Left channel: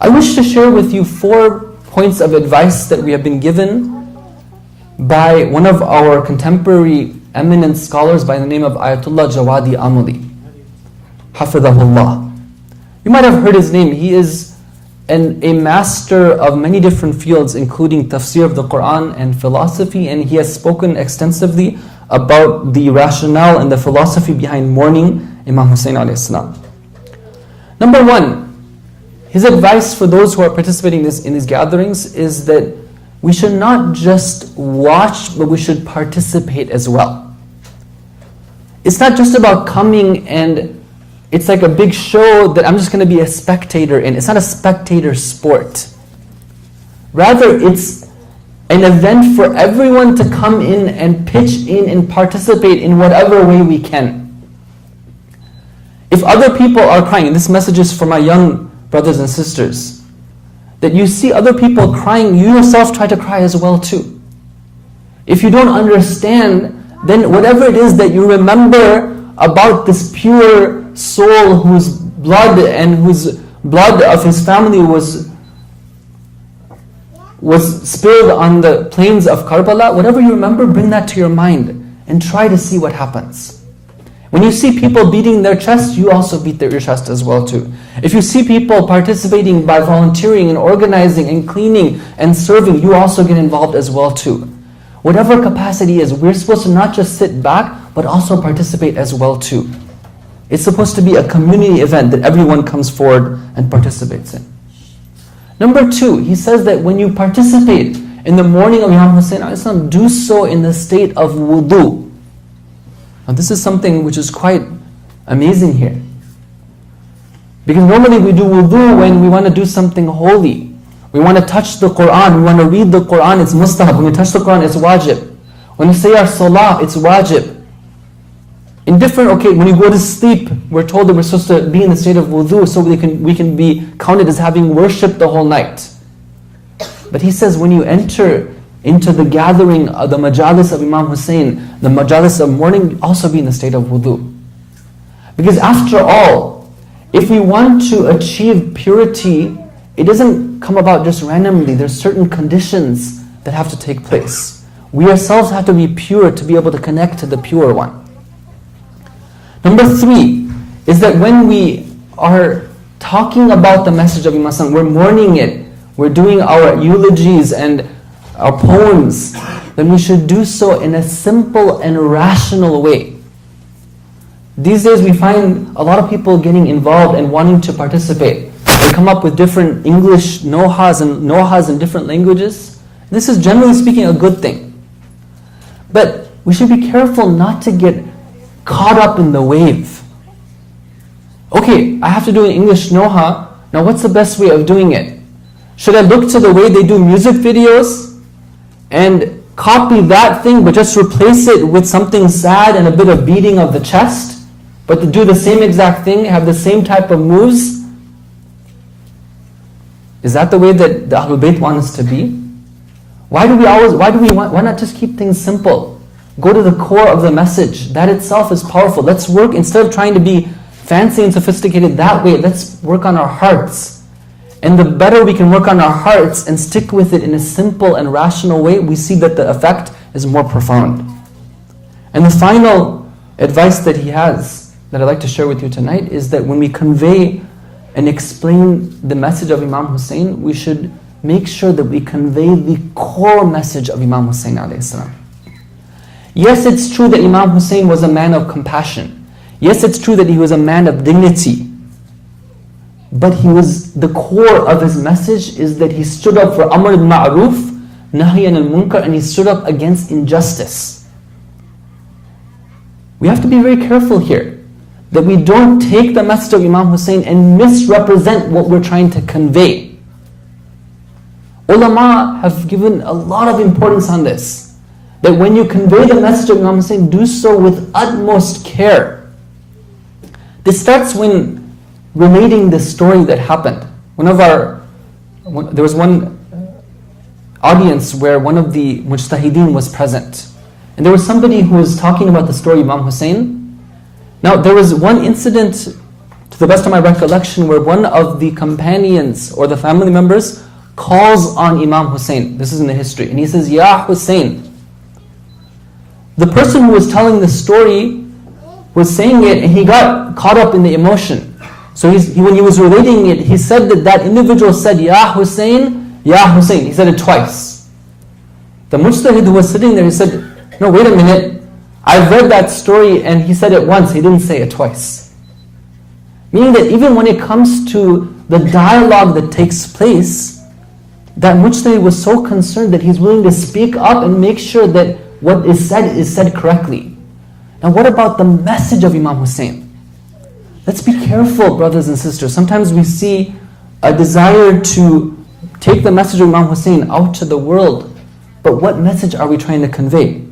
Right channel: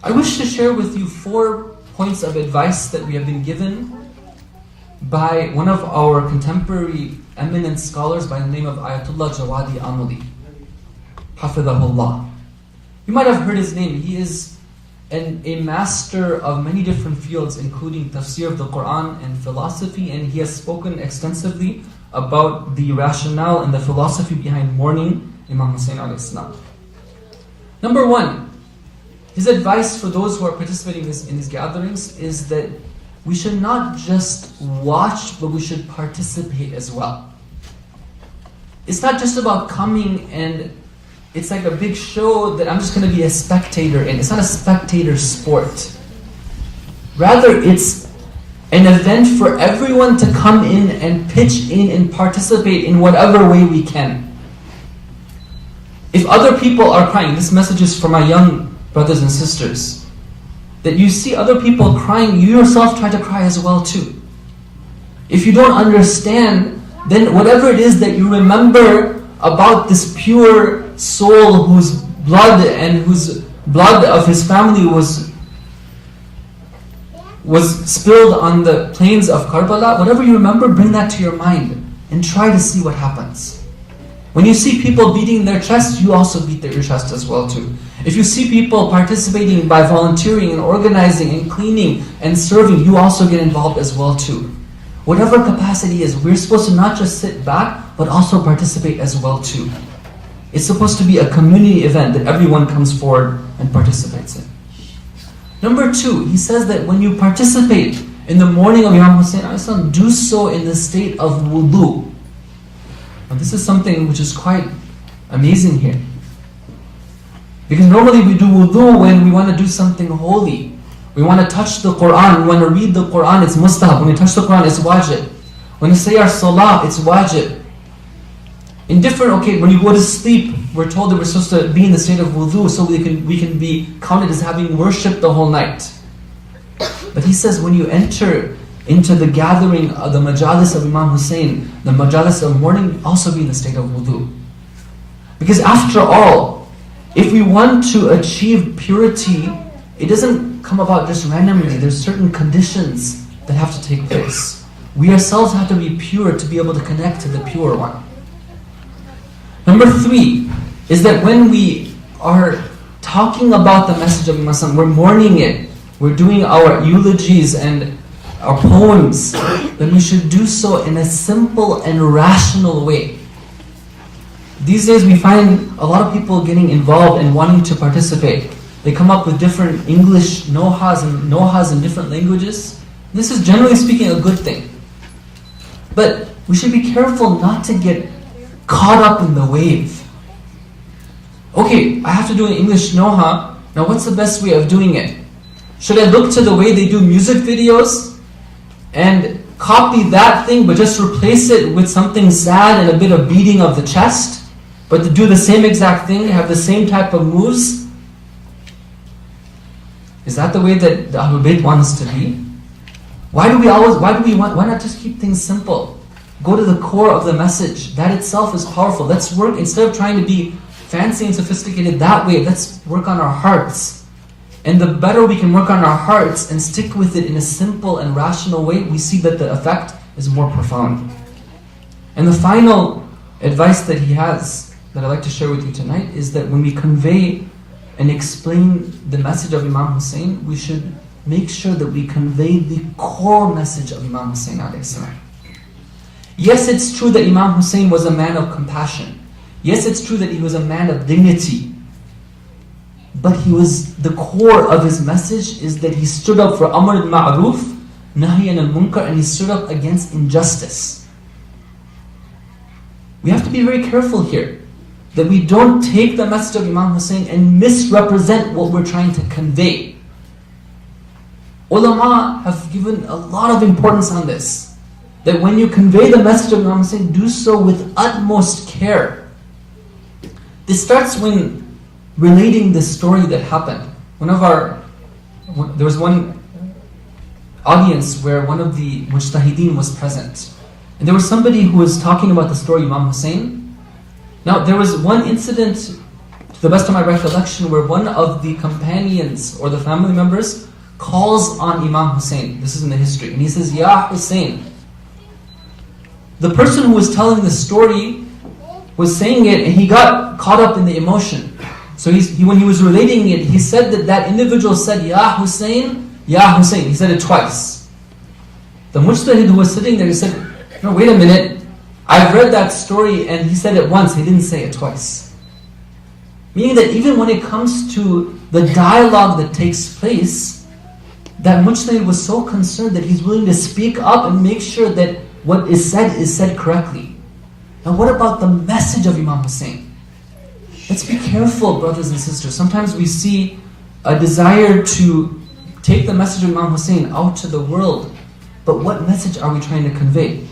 I wish to share with you 4 points of advice that we have been given by one of our contemporary eminent scholars by the name of Ayatollah Jawadi Amuli, Hafidhahullah. You might have heard his name. He is a master of many different fields, including tafsir of the Quran and philosophy, and he has spoken extensively about the rationale and the philosophy behind mourning Imam Husayn alayhi salam. Number 1, his advice for those who are participating in these gatherings is that we should not just watch, but we should participate as well. It's not just about coming and it's like a big show that I'm just going to be a spectator in. It's not a spectator sport. Rather, it's an event for everyone to come in and pitch in and participate in whatever way we can. If other people are crying, this message is for my young brothers and sisters, that you see other people crying, you yourself try to cry as well too. If you don't understand, then whatever it is that you remember about this pure soul whose blood of his family was spilled on the plains of Karbala, whatever you remember, bring that to your mind and try to see what happens. When you see people beating their chest, you also beat your chest as well too. If you see people participating by volunteering and organizing and cleaning and serving, you also get involved as well too. Whatever capacity is, we're supposed to not just sit back, but also participate as well too. It's supposed to be a community event that everyone comes forward and participates in. Number 2, he says that when you participate in the mourning of Imam Husayn, do so in the state of wudu. Now this is something which is quite amazing here. Because normally we do wudu when we want to do something holy. We want to touch the Quran, we want to read the Quran, it's mustahab. When we touch the Quran, it's wajib. When we say our salah, it's wajib. In different, when we go to sleep, we're told that we're supposed to be in the state of wudu so we can be counted as having worshipped the whole night. But he says when you enter into the gathering of the majalis of Imam Husayn, the majalis of mourning, also be in the state of wudu. Because after all, if we want to achieve purity, it doesn't come about just randomly. There's certain conditions that have to take place. We ourselves have to be pure to be able to connect to the pure one. Number 3 is that when we are talking about the message of Imam Husayn, we're mourning it, we're doing our eulogies and our poems, then we should do so in a simple and rational way. These days we find a lot of people getting involved and wanting to participate. They come up with different English nohas in different languages. This is generally speaking a good thing. But we should be careful not to get caught up in the wave. I have to do an English noha. Now what's the best way of doing it? Should I look to the way they do music videos and copy that thing but just replace it with something sad and a bit of beating of the chest, but to do the same exact thing, have the same type of moves? Is that the way that the Ahlul Bayt want us to be? Why not just keep things simple? Go to the core of the message. That itself is powerful. Let's work, instead of trying to be fancy and sophisticated that way, let's work on our hearts. And the better we can work on our hearts and stick with it in a simple and rational way, we see that the effect is more profound. And the final advice that he has, that I'd like to share with you tonight, is that when we convey and explain the message of Imam Husayn, we should make sure that we convey the core message of Imam Husayn alayhi salam. Yes, it's true that Imam Husayn was a man of compassion. Yes, it's true that he was a man of dignity. But the core of his message is that he stood up for Amr al-Ma'ruf, Nahyan al-Munkar, and he stood up against injustice. We have to be very careful here, that we don't take the message of Imam Husayn and misrepresent what we're trying to convey. Ulama have given a lot of importance on this, that when you convey the message of Imam Husayn, do so with utmost care. This starts when relating the story that happened. There was one audience where one of the mujtahideen was present. And there was somebody who was talking about the story of Imam Husayn. Now there was one incident to the best of my recollection, where one of the companions or the family members calls on Imam Husayn. This is in the history. And he says, Ya Husayn. The person who was telling the story was saying it, and he got caught up in the emotion. So when he was relating it, he said that individual said, Ya Husayn, Ya Husayn. He said it twice. The mujtahid who was sitting there, he said, no, wait a minute. I've read that story and he said it once, he didn't say it twice. Meaning that even when it comes to the dialogue that takes place, that mujtahid was so concerned that he's willing to speak up and make sure that what is said correctly. Now what about the message of Imam Husayn? Let's be careful, brothers and sisters. Sometimes we see a desire to take the message of Imam Husayn out to the world. But what message are we trying to convey?